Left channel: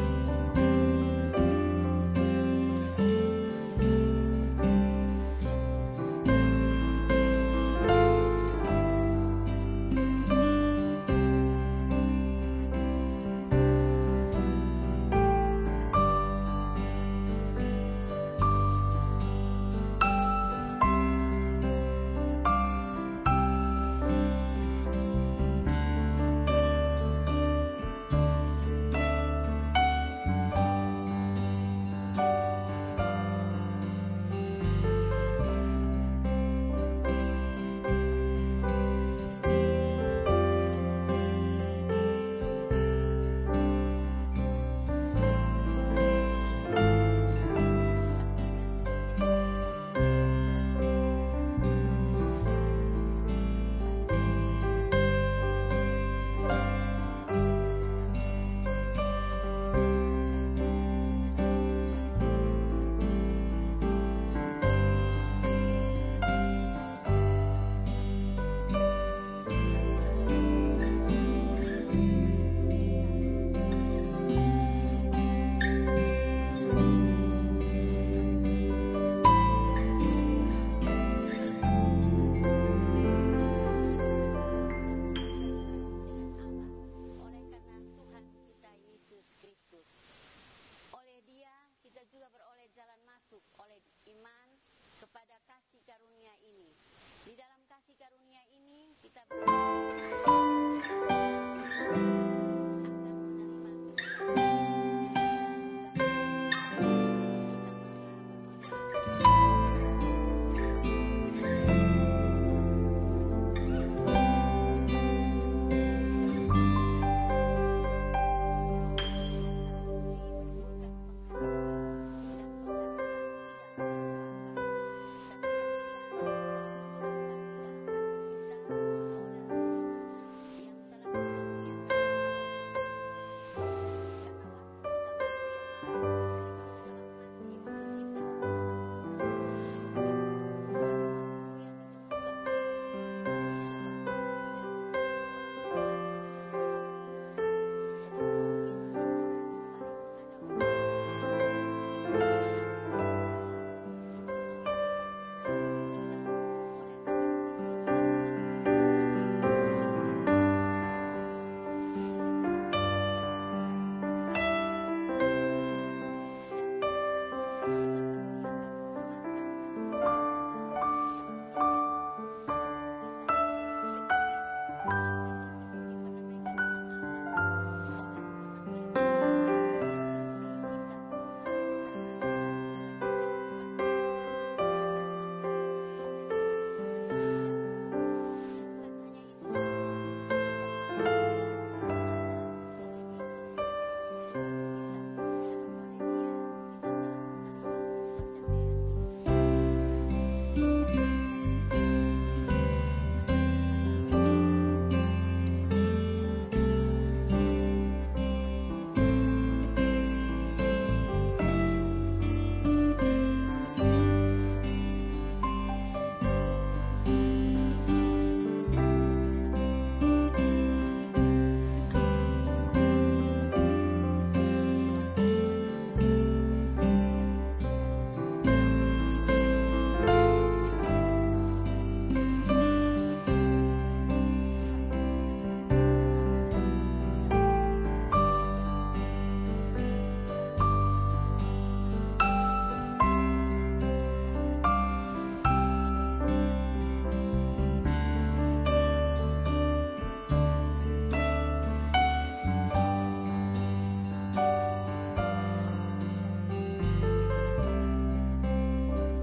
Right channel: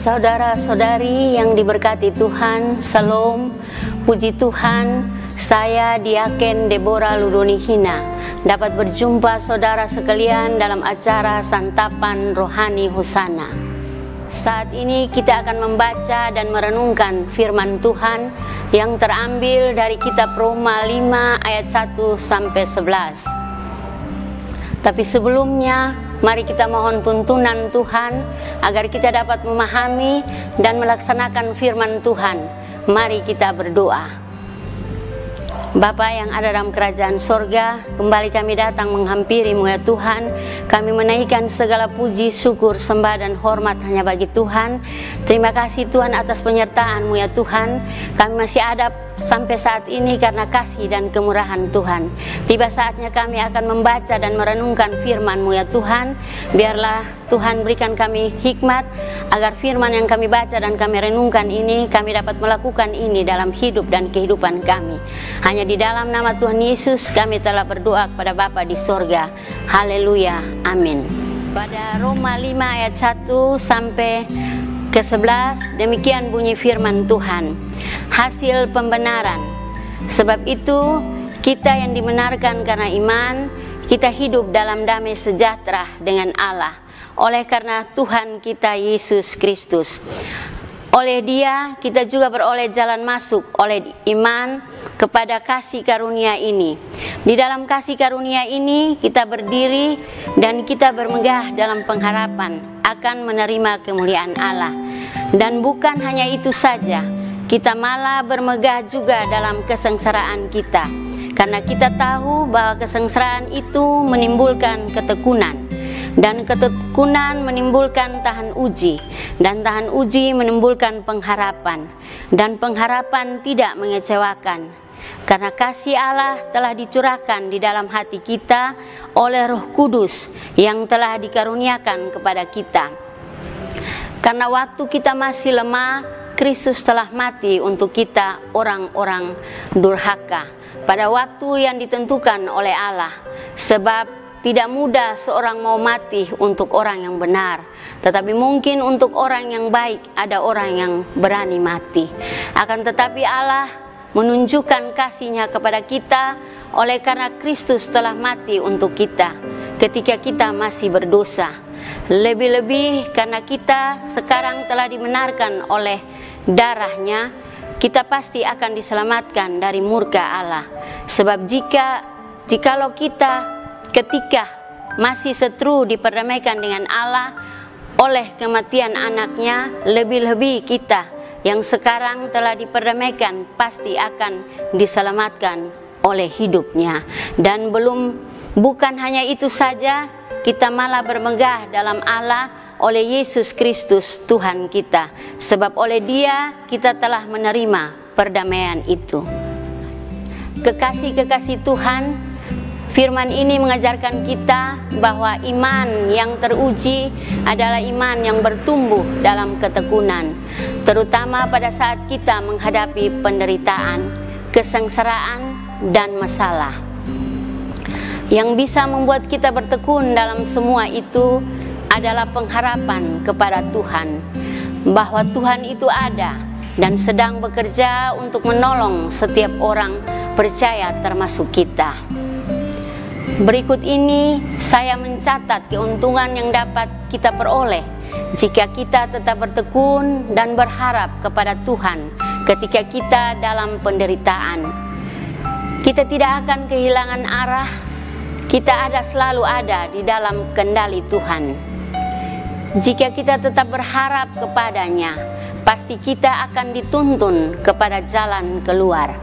Saudara-saudari yang diberkati Tuhan, Salam, puji Tuhan, saya Diaken Deborah Ludonihina dapat berjumpa saudara sekalian dalam acara Santapan Rohani Hosana. Saat ini kita akan membaca dan merenungkan firman Tuhan yang terambil dari kitab Roma 5 ayat 1 sampai 11. Tapi sebelumnya, mari kita mohon tuntunan Tuhan agar kita dapat memahami dan melaksanakan firman Tuhan. Mari kita berdoa. Bapa yang ada dalam kerajaan sorga, kembali kami datang menghampiri-Mu ya Tuhan. Kami menaikkan segala puji, syukur, sembah dan hormat hanya bagi Tuhan. Terima kasih Tuhan atas penyertaan-Mu ya Tuhan. Kami masih ada sampai saat ini karena kasih dan kemurahan Tuhan. Tiba saatnya kami akan membaca dan merenungkan firman-Mu ya Tuhan. Biarlah Tuhan berikan kami hikmat agar firman yang kami baca dan kami renungkan ini, kami dapat melakukan ini dalam hidup dan kehidupan kami. Hanya di dalam nama Tuhan Yesus kami telah berdoa kepada Bapa di sorga. Haleluya, amin. Pada Roma 5 ayat 1 sampai ke 11, demikian bunyi firman Tuhan. Hasil pembenaran. Sebab itu kita yang dibenarkan karena iman, kita hidup dalam damai sejahtera dengan Allah oleh karena Tuhan kita Yesus Kristus. Oleh Dia kita juga beroleh jalan masuk oleh iman kepada kasih karunia ini. Di dalam kasih karunia ini kita berdiri dan kita bermegah dalam pengharapan akan menerima kemuliaan Allah. Dan bukan hanya itu saja, kita malah bermegah juga dalam kesengsaraan kita. Karena kita tahu bahwa kesengsaraan itu menimbulkan ketekunan. Dan ketekunan menimbulkan tahan uji, dan tahan uji menimbulkan pengharapan, dan pengharapan tidak mengecewakan, karena kasih Allah telah dicurahkan di dalam hati kita oleh Roh Kudus yang telah dikaruniakan kepada kita. Karena waktu kita masih lemah, Kristus telah mati untuk kita orang-orang durhaka pada waktu yang ditentukan oleh Allah. Sebab tidak mudah seorang mau mati untuk orang yang benar, tetapi mungkin untuk orang yang baik ada orang yang berani mati. Akan tetapi Allah menunjukkan kasih-Nya kepada kita oleh karena Kristus telah mati untuk kita ketika kita masih berdosa. Lebih-lebih karena kita sekarang telah dibenarkan oleh darah-Nya, kita pasti akan diselamatkan dari murka Allah. Sebab jikalau kita ketika masih seteru diperdamaikan dengan Allah oleh kematian anaknya, lebih-lebih kita yang sekarang telah diperdamaikan pasti akan diselamatkan oleh hidupnya. Dan bukan hanya itu saja, kita malah bermegah dalam Allah oleh Yesus Kristus Tuhan kita. Sebab oleh Dia kita telah menerima perdamaian itu. Kekasih-kekasih Tuhan, firman ini mengajarkan kita bahwa iman yang teruji adalah iman yang bertumbuh dalam ketekunan, terutama pada saat kita menghadapi penderitaan, kesengsaraan, dan masalah. Yang bisa membuat kita bertekun dalam semua itu adalah pengharapan kepada Tuhan, bahwa Tuhan itu ada dan sedang bekerja untuk menolong setiap orang percaya termasuk kita. Berikut ini saya mencatat keuntungan yang dapat kita peroleh jika kita tetap bertekun dan berharap kepada Tuhan ketika kita dalam penderitaan. Kita tidak akan kehilangan arah, kita selalu ada di dalam kendali Tuhan. Jika kita tetap berharap kepada-Nya, pasti kita akan dituntun kepada jalan keluar.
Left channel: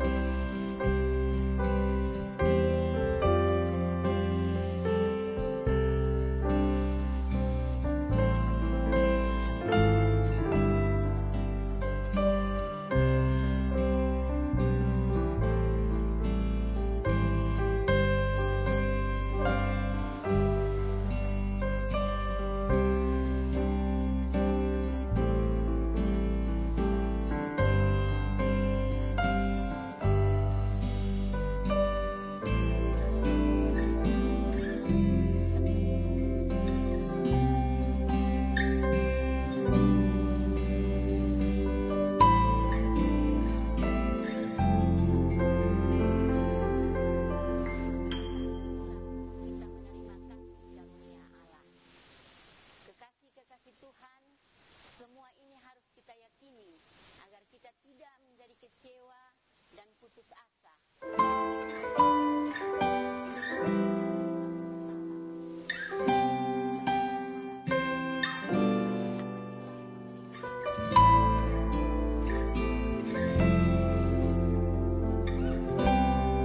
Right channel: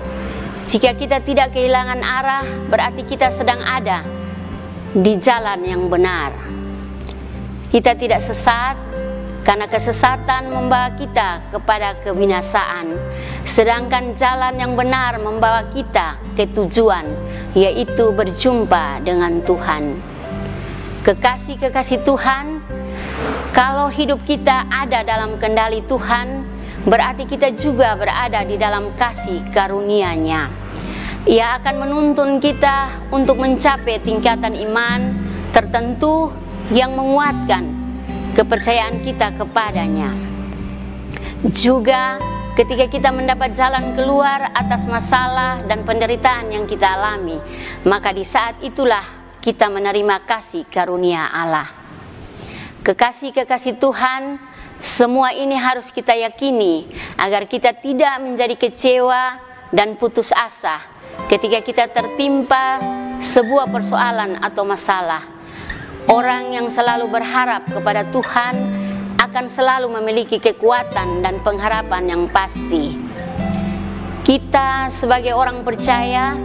Jika kita tidak kehilangan arah, berarti kita sedang ada di jalan yang benar. Kita tidak sesat, karena kesesatan membawa kita kepada kebinasaan. Sedangkan jalan yang benar membawa kita ke tujuan, yaitu berjumpa dengan Tuhan. Kekasih-kekasih Tuhan, kalau hidup kita ada dalam kendali Tuhan, berarti kita juga berada di dalam kasih karunia-Nya. Ia akan menuntun kita untuk mencapai tingkatan iman tertentu yang menguatkan kepercayaan kita kepada-Nya. Juga ketika kita mendapat jalan keluar atas masalah dan penderitaan yang kita alami, maka di saat itulah kita menerima kasih karunia Allah. Kekasih-kekasih Tuhan, semua ini harus kita yakini agar kita tidak menjadi kecewa dan putus asa ketika kita tertimpa sebuah persoalan atau masalah. Orang yang selalu berharap kepada Tuhan akan selalu memiliki kekuatan dan pengharapan yang pasti. Kita sebagai orang percaya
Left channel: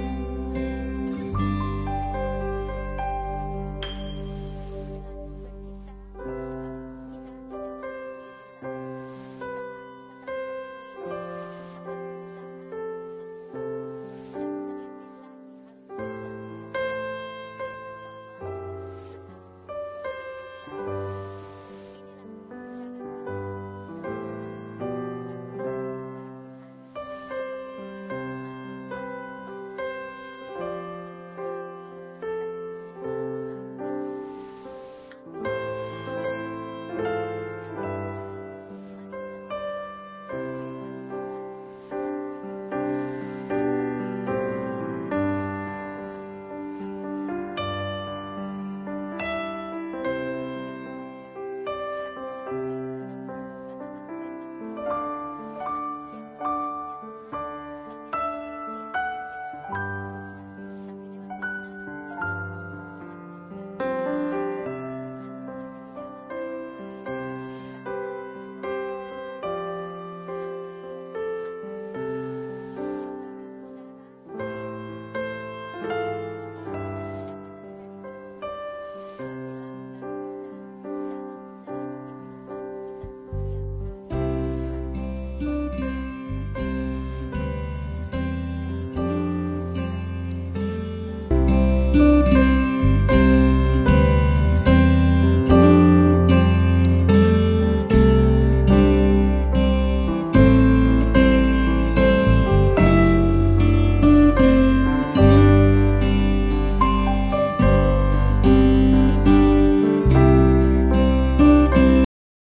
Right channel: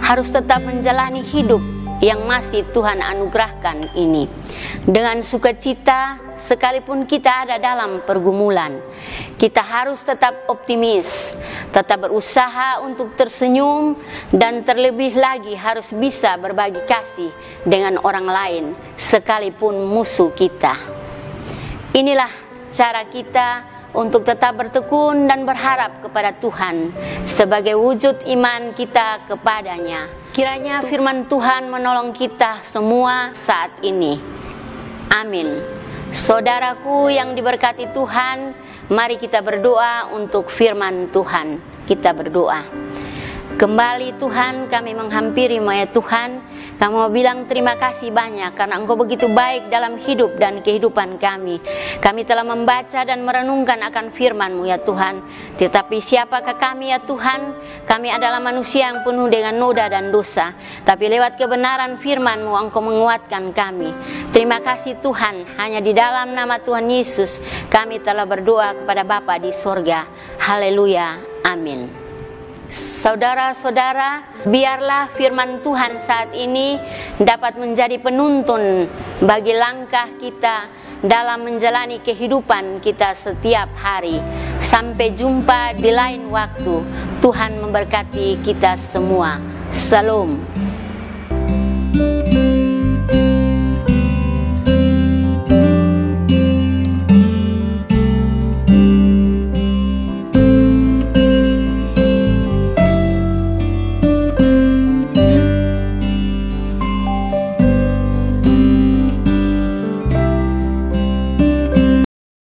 harus tetap menjalani hidup yang masih Tuhan anugerahkan ini dengan sukacita, sekalipun kita ada dalam pergumulan. Kita harus tetap optimis, tetap berusaha untuk tersenyum, dan terlebih lagi harus bisa berbagi kasih dengan orang lain sekalipun musuh kita. Inilah cara kita untuk tetap bertekun dan berharap kepada Tuhan sebagai wujud iman kita kepadanya. Kiranya firman Tuhan menolong kita semua saat ini. Amin. Saudaraku yang diberkati Tuhan, mari kita berdoa untuk firman Tuhan. Kita berdoa. Kembali Tuhan, kami menghampiri-Mu ya Tuhan. Kami mau bilang terima kasih banyak karena Engkau begitu baik dalam hidup dan kehidupan kami. Kami telah membaca dan merenungkan akan firman-Mu ya Tuhan. Tetapi siapakah kami ya Tuhan? Kami adalah manusia yang penuh dengan noda dan dosa. Tapi lewat kebenaran firman-Mu Engkau menguatkan kami. Terima kasih Tuhan, hanya di dalam nama Tuhan Yesus kami telah berdoa kepada Bapa di sorga. Haleluya, amin. Saudara-saudara, biarlah firman Tuhan saat ini dapat menjadi penuntun bagi langkah kita dalam menjalani kehidupan kita setiap hari. Sampai jumpa di lain waktu. Tuhan memberkati kita semua. Shalom.